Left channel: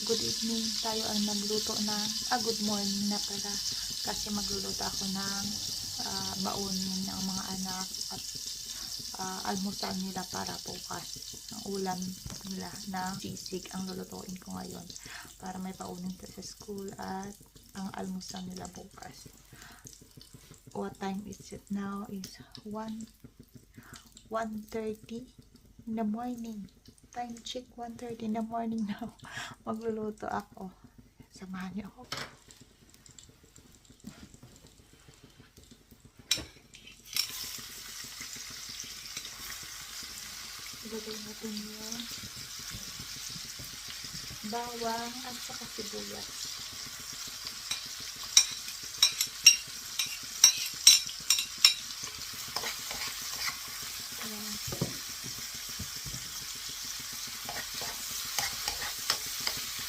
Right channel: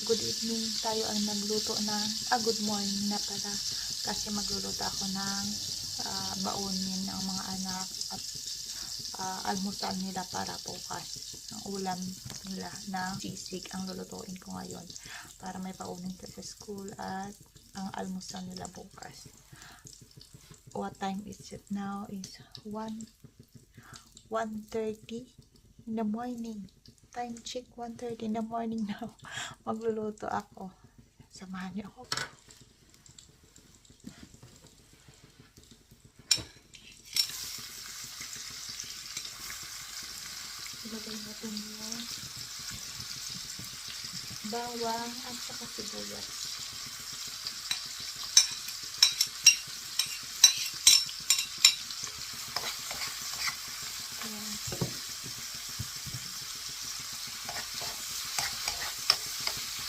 Good evening, tayo ang nagluto ng, good morning na pala. Kasi magluluto ako ng baunin ng mga anak at almusal nila para bukas. Ang ulam nila na sisig ang lulutuin ko ngayon para may paunin sa school at ang almusal nila bukas. What time is it now? Is 1:30 in the morning. Time check, 1:30 in the morning now. Magluluto ako. Samahan niyo ako. Ilagay natin yung bawang at saka sibuyas.